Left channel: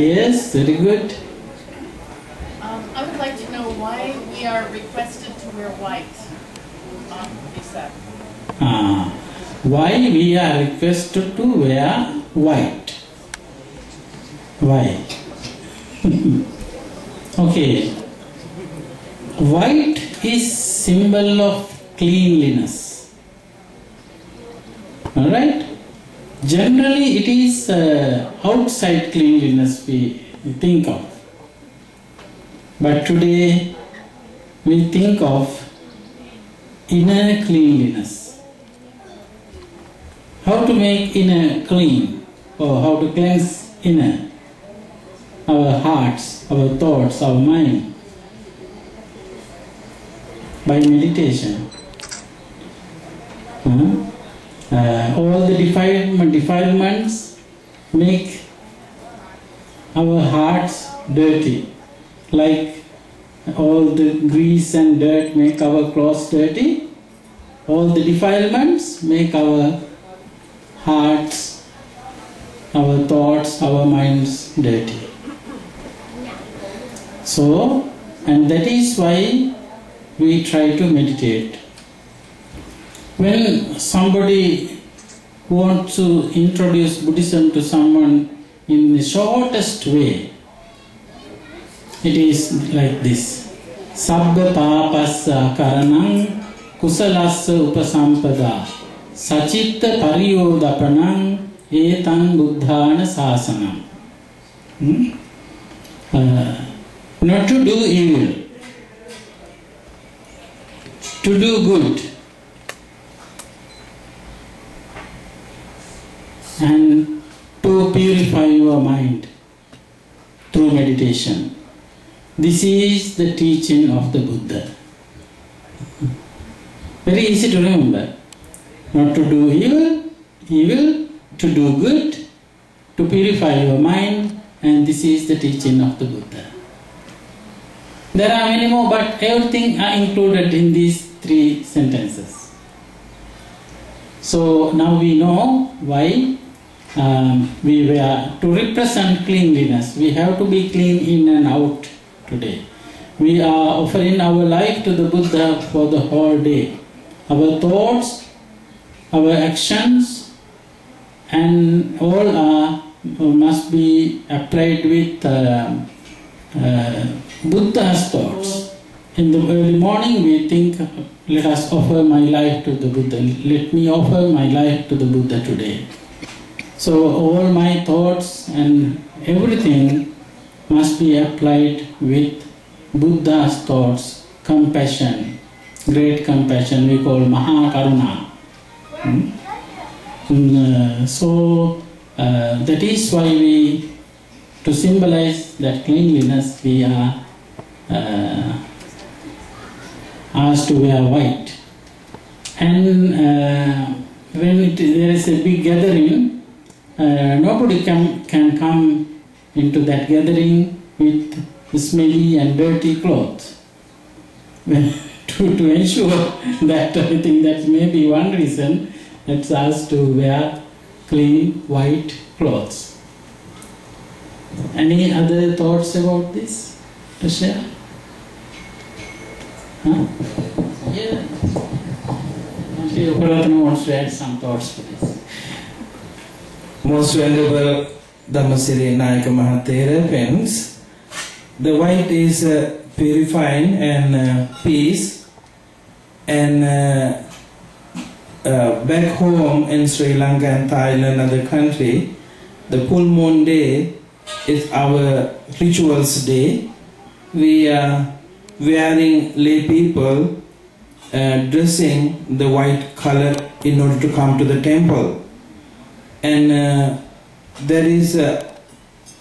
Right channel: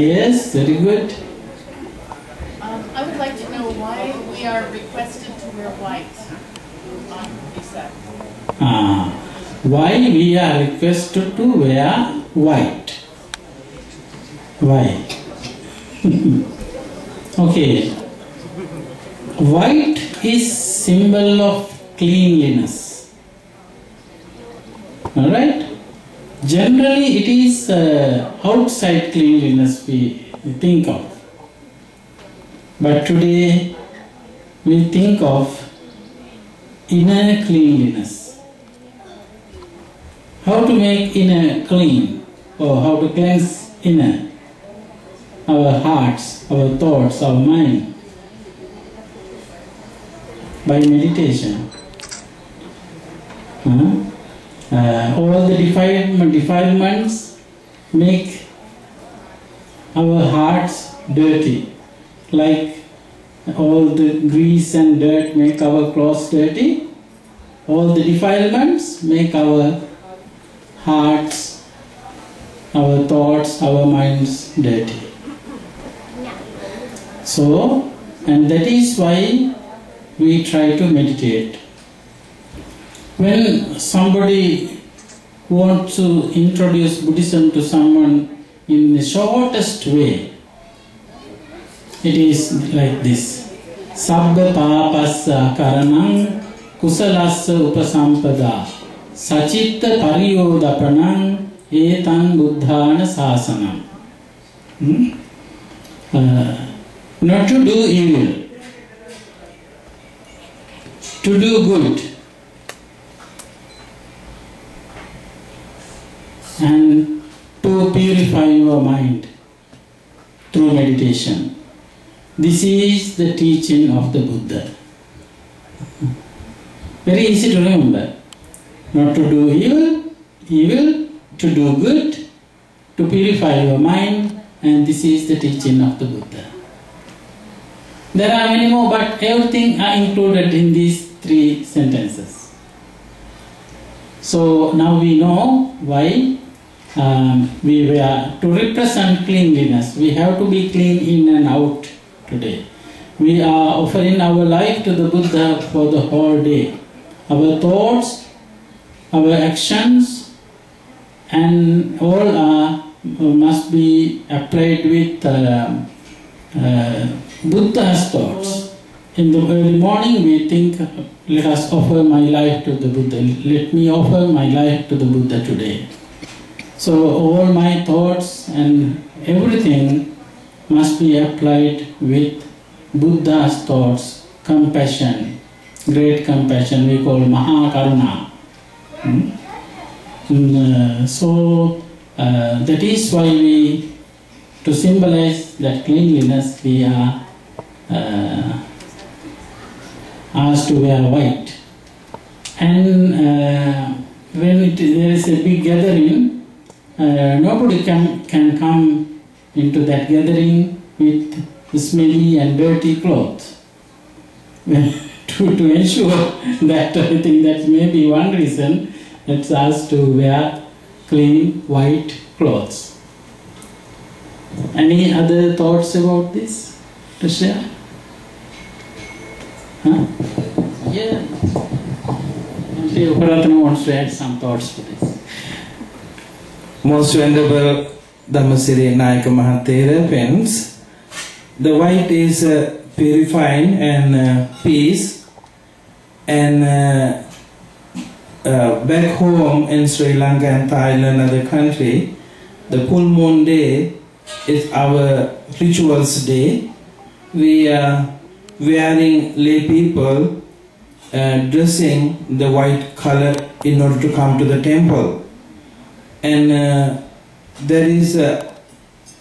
Yes, very good. I would like to know why we are requested to wear white on Vesak. Why we are requested to wear white? Why? Okay. White is symbol of cleanliness. Alright? Generally it is outside cleanliness we think of. But today we think of inner cleanliness. How to make inner clean, or how to cleanse inner? Our hearts, our thoughts, our mind. By meditation. All the defilements make our hearts dirty. Like all the grease and dirt make our clothes dirty, all the defilements make our hearts, our thoughts, our minds dirty. So, and that is why we try to meditate. When somebody wants to introduce Buddhism to someone in the shortest way, it is like this. Sabba papassa karanam kusalassa upasampada sachitta pariyodapanam etan buddhana sasanam. Not to do evil, to do good, and to purify your mind through meditation. This is the teaching of the Buddha. Very easy to remember. Not to do evil, to do good, to purify your mind, and this is the teaching of the Buddha. There are many more, but everything are included in these 3 sentences. So now we know why we were to represent cleanliness. We have to be clean in and out today. We are offering our life to the Buddha for the whole day. Our thoughts, our actions, and all must be applied with Buddha's thoughts. In the early morning we think, let us offer my life to the Buddha. Let me offer my life to the Buddha today. So all my thoughts and everything must be applied with Buddha's thoughts, compassion, great compassion, we call Maharagama. So that is why we, to symbolize that cleanliness, we are asked to wear white. And when there is a big gathering, nobody can come into that gathering with smelly and dirty clothes. To ensure that, I think that may be one reason it's asked to wear clean white clothes. Any other thoughts about this to share? Huh? Yeah. Uparatana wants to add some thoughts to this. Most venerable Dhammasiri Nayaka Thero friends, the white is purifying and peace, and back home in Sri Lanka and Thailand, other country, the full moon day is our rituals day. We are wearing lay people dressing the white color in order to come to the temple. And there is a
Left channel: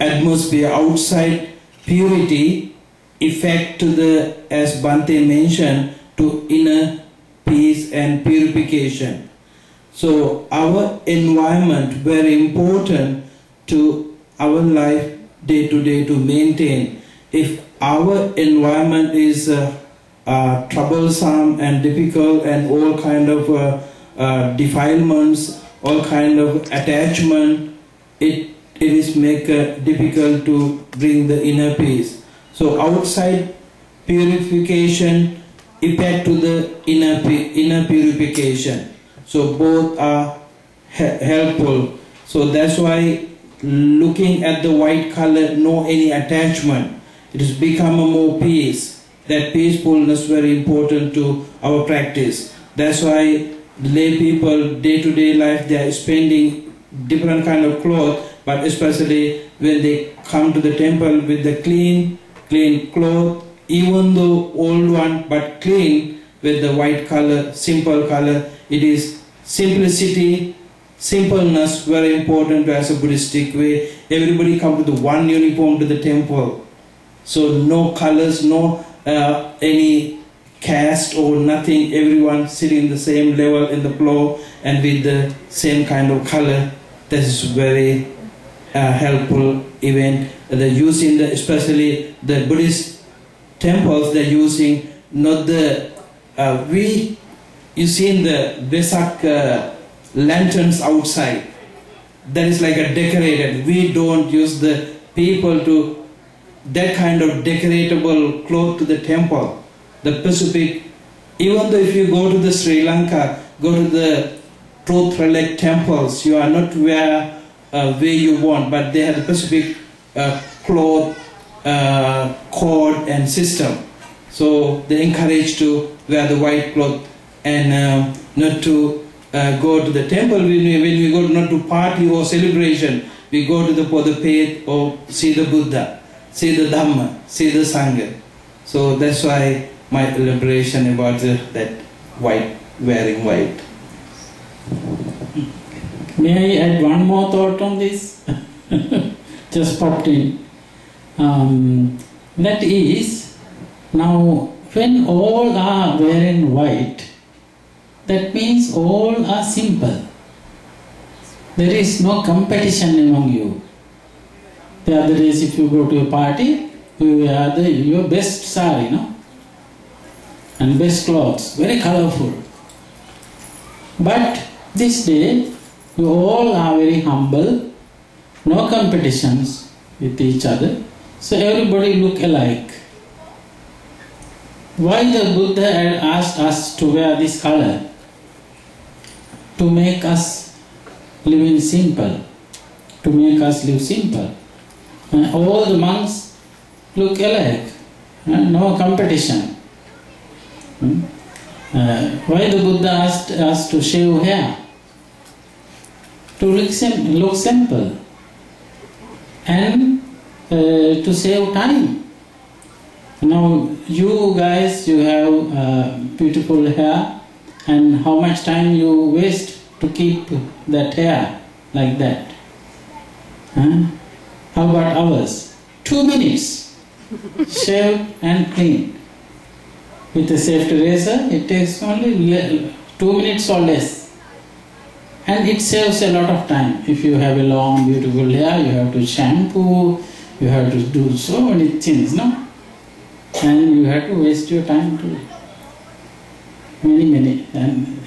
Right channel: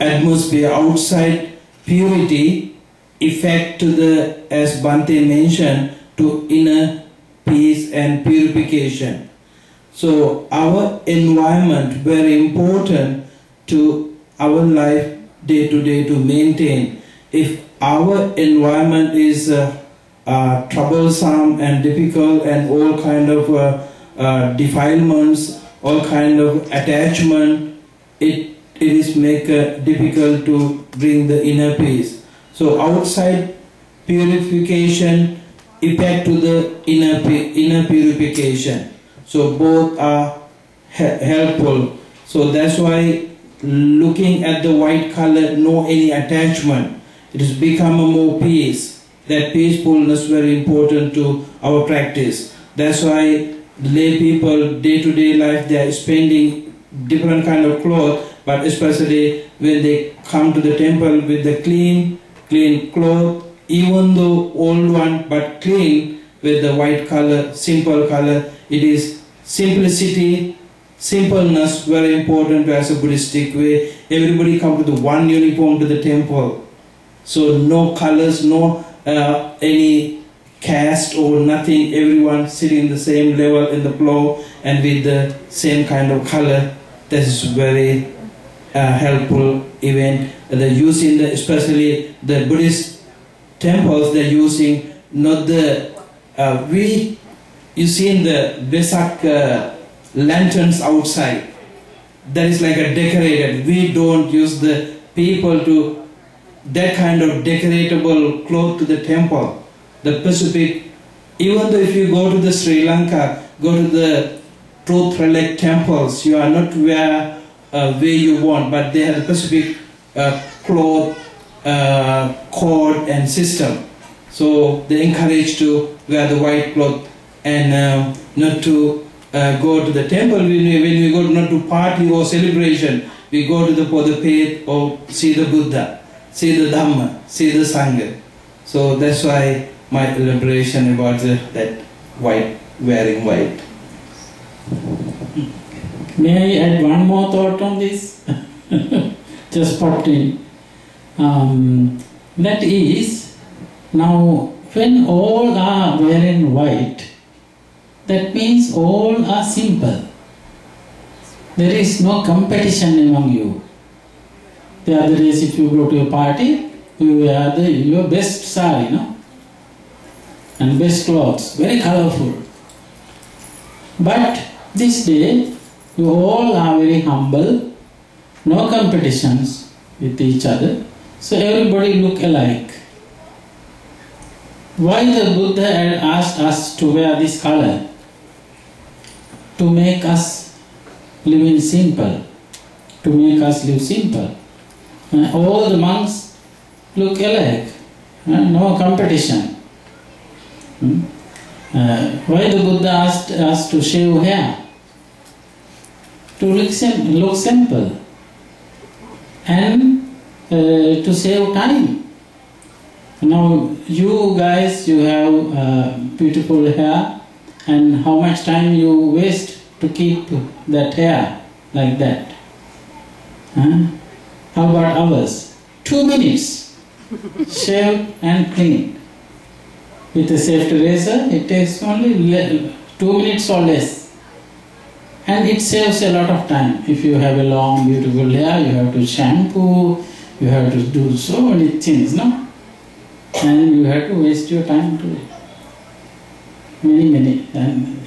atmosphere outside purity effect to the, as Bhante mentioned, to inner peace and purification. So our environment very important to our life day to day to maintain. If our environment is troublesome and difficult and all kind of defilements, all kind of attachment, it it is make difficult to bring the inner peace. So outside purification effect to the inner purification. So both are helpful. So that's why looking at the white color, no any attachment, it has become a more peace. That peacefulness very important to our practice. That's why lay people day-to-day life they are spending different kind of clothes, but especially when they come to the temple with the clean cloth, even though old one but clean with the white color, simple color. It is simplicity, simpleness very important as a Buddhistic way. Everybody come to the one uniform to the temple. So no colors, no any caste or nothing, everyone sitting the same level in the floor and with the same kind of color. That is very helpful. Even the using the, especially the Buddhist temples, they're using not the you see in the Vesak lanterns outside. That is like a decorated. We don't use the people to that kind of decoratable cloth to the temple. The Pacific, even though if you go to the Sri Lanka, go to the truth relic temples, you are not where you want, but they have the Pacific cloth, code and system. So they encourage to wear the white cloth and not to go to the temple. When we go not to party or celebration, we go to the for the faith or see the Buddha, see the Dhamma, see the Sangha. So that's why my elaboration about that white, wearing white. May I add one more thought on this? Just popped in. That is, now when all are wearing white, that means all are simple. There is no competition among you. The other days if you go to a party, you wear your best sari, no? And best clothes, very colorful. But this day, you all are very humble, no competitions with each other, so everybody look alike. Why the Buddha had asked us to wear this color? To make us live in simple, to make us live simple. All the monks look alike, no competition. Why the Buddha asked us to shave hair? To look simple and to save time. Now you guys, you have beautiful hair, and how much time you waste to keep that hair like that? How about ours? 2 minutes, shave and clean. With a safety razor, it takes only 2 minutes or less. And it saves a lot of time. If you have a long, beautiful hair, you have to shampoo, you have to do so many things, no? And you have to waste your time to many. And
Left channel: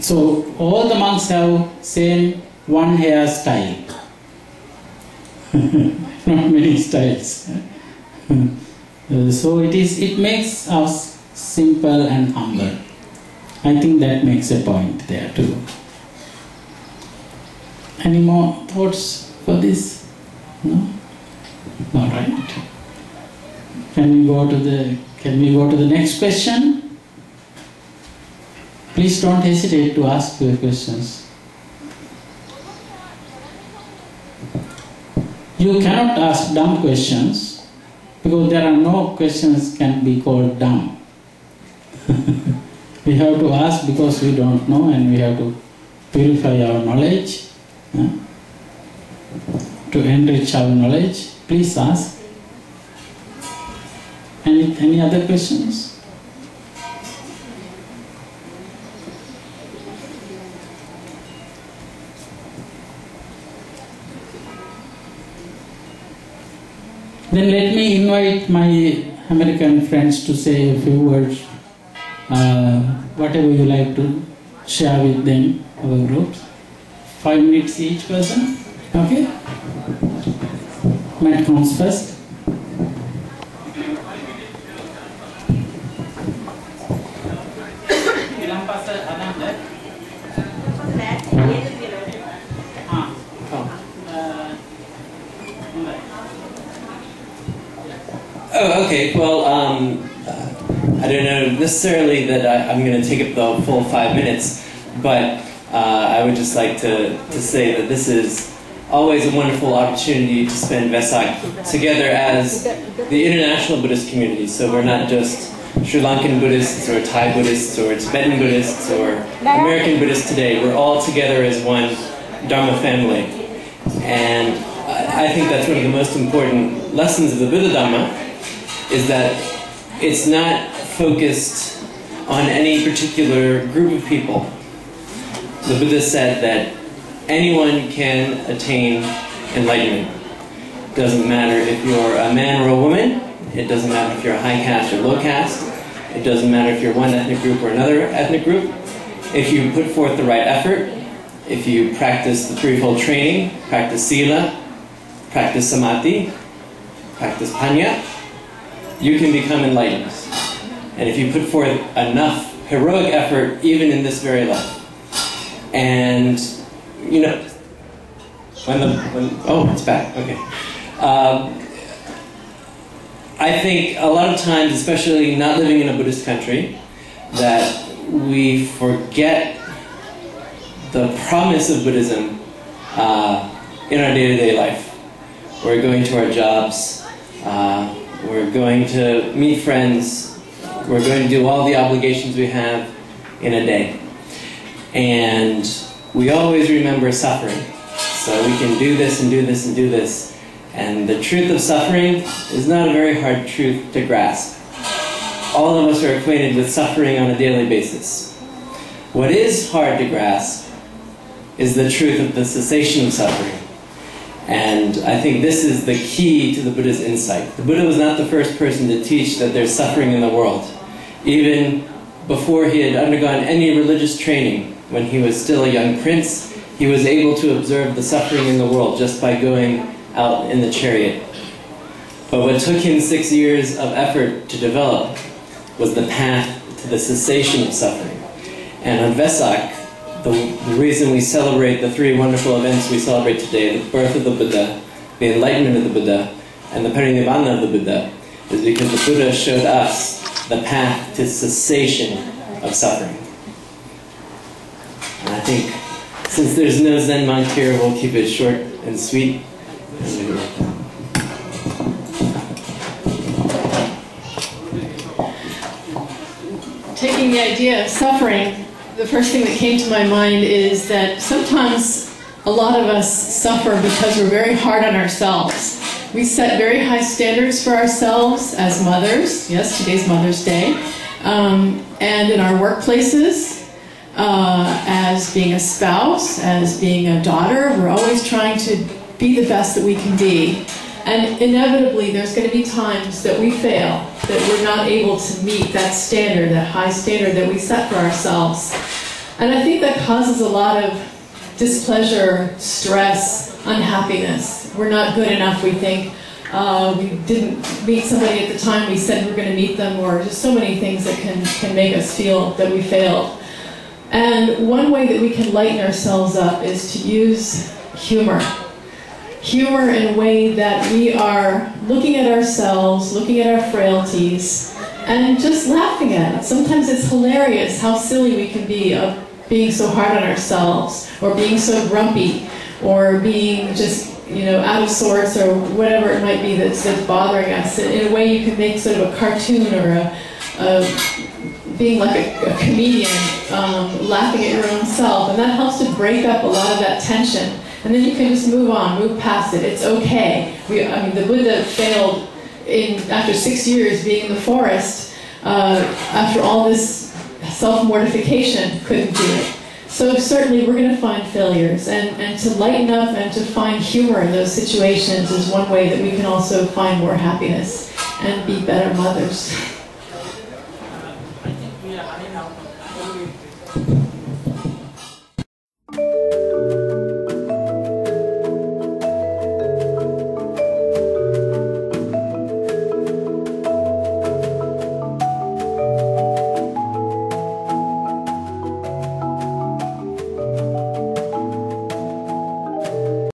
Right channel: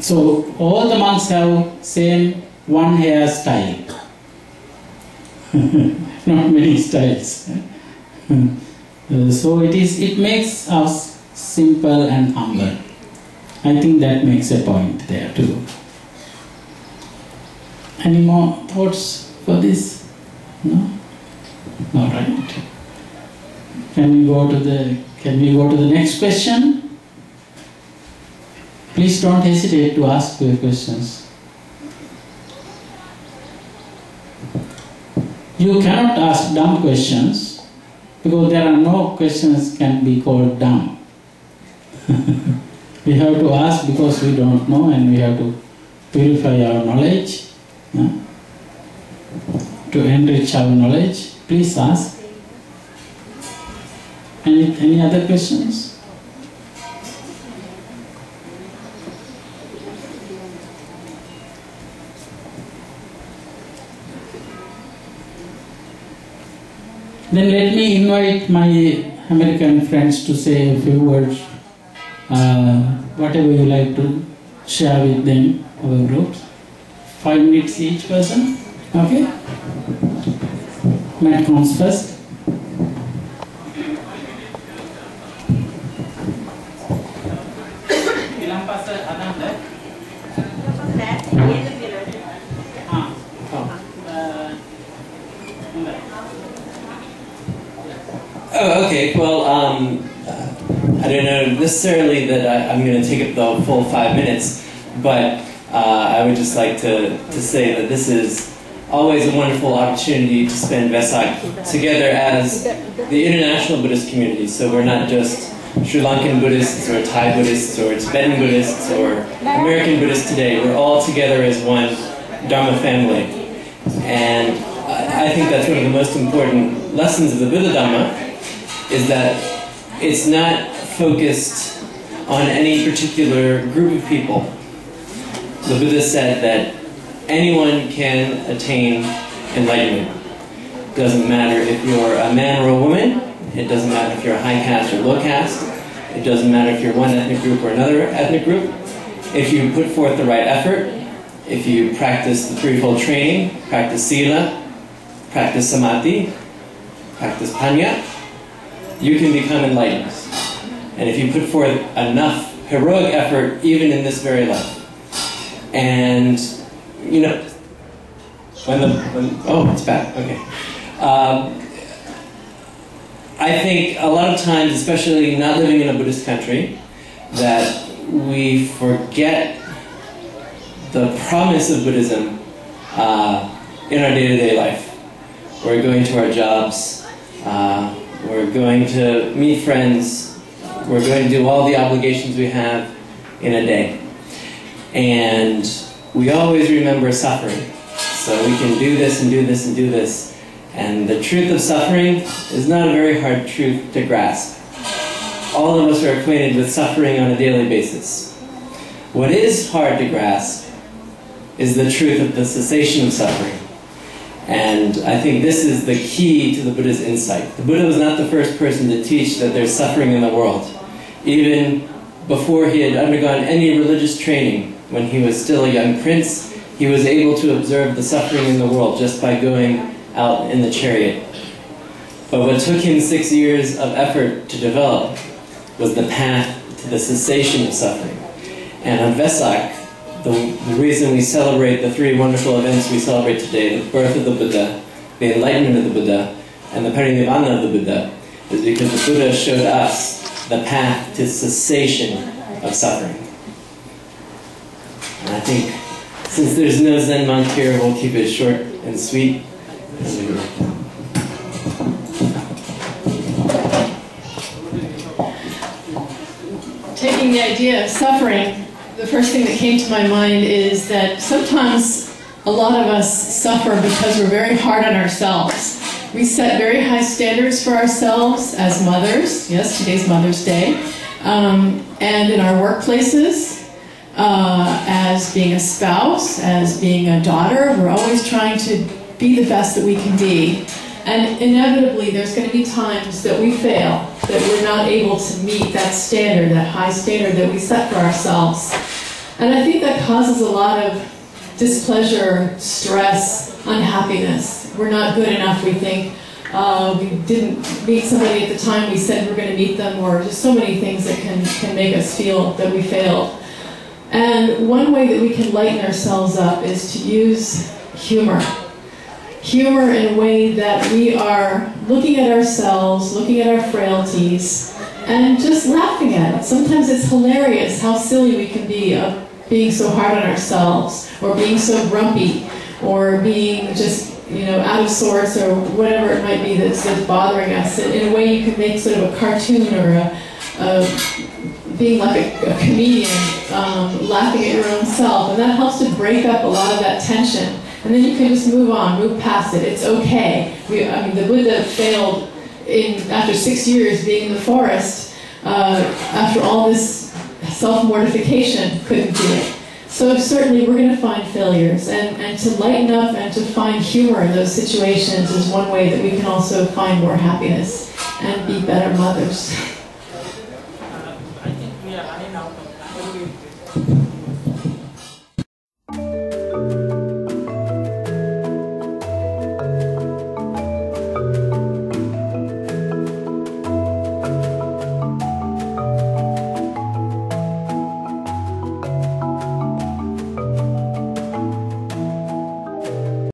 so all the monks have same one hairstyle. Not many styles. So it makes us simple and humble. I think that makes a point there too. Any more thoughts for this? No? All right. Can we go to the next question? Please don't hesitate to ask your questions. You cannot ask dumb questions because there are no questions can be called dumb. We have to ask because we don't know, and we have to purify our knowledge, to enrich our knowledge. Please ask. Any other questions? Then let me invite my American friends to say a few words, whatever you like to share with them, our groups. 5 minutes each person. Okay? Mat comes first. Oh, okay. Well, I don't know necessarily that I'm going to take up the full 5 minutes, but I would just like to say that this is always a wonderful opportunity to spend Vesak together as the international Buddhist community. So we're not just Sri Lankan Buddhists or Thai Buddhists or Tibetan Buddhists or American Buddhists today. We're all together as one Dharma family. And I think that's one of the most important lessons of the Buddha Dhamma, is that it's not focused on any particular group of people. The Buddha said that anyone can attain enlightenment. It doesn't matter if you're a man or a woman. It doesn't matter if you're a high caste or low caste. It doesn't matter if you're one ethnic group or another ethnic group. If you put forth the right effort, if you practice the threefold training, practice sila, practice samadhi, practice panya, you can become enlightened. And if you put forth enough heroic effort, even in this very life. And, you know, oh, it's back, okay. I think a lot of times, especially not living in a Buddhist country, that we forget the promise of Buddhism in our day-to-day life. We're going to our jobs, we're going to meet friends, we're going to do all the obligations we have in a day. And we always remember suffering. So we can do this and do this and do this. And the truth of suffering is not a very hard truth to grasp. All of us are acquainted with suffering on a daily basis. What is hard to grasp is the truth of the cessation of suffering. And I think this is the key to the Buddha's insight. The Buddha was not the first person to teach that there's suffering in the world. Even before he had undergone any religious training, when he was still a young prince, he was able to observe the suffering in the world just by going out in the chariot. But what took him 6 years of effort to develop was the path to the cessation of suffering. And on Vesak, the reason we celebrate the three wonderful events we celebrate today, the birth of the Buddha, the enlightenment of the Buddha, and the parinibbana of the Buddha, is because the Buddha showed us the path to cessation of suffering. And I think, since there's no Zen monk here, we'll keep it short and sweet. Taking the idea of suffering, the first thing that came to my mind is that sometimes a lot of us suffer because we're very hard on ourselves. We set very high standards for ourselves as mothers. Yes, today's Mother's Day. And in our workplaces, as being a spouse, as being a daughter, we're always trying to be the best that we can be. And inevitably, there's going to be times that we fail, that we're not able to meet that standard, that high standard that we set for ourselves. And I think that causes a lot of displeasure, stress, unhappiness. We're not good enough, we think. We didn't meet somebody at the time we said we were going to meet them, or just so many things that can make us feel that we failed. And one way that we can lighten ourselves up is to use humor. Humor in a way that we are looking at ourselves, looking at our frailties, and just laughing at it. Sometimes it's hilarious how silly we can be of being so hard on ourselves, or being so grumpy, or being just, you know, out of sorts, or whatever it might be that's bothering us. In a way you can make sort of a cartoon, or being like a comedian, laughing at your own self, and that helps to break up a lot of that tension. And then you can just move on, move past it. It's okay. I mean, the Buddha failed after 6 years being in the forest, after all this self-mortification, couldn't do it. So certainly we're going to find failures, and to lighten up and to find humor in those situations is one way that we can also find more happiness and be better mothers. I think we are running out of time.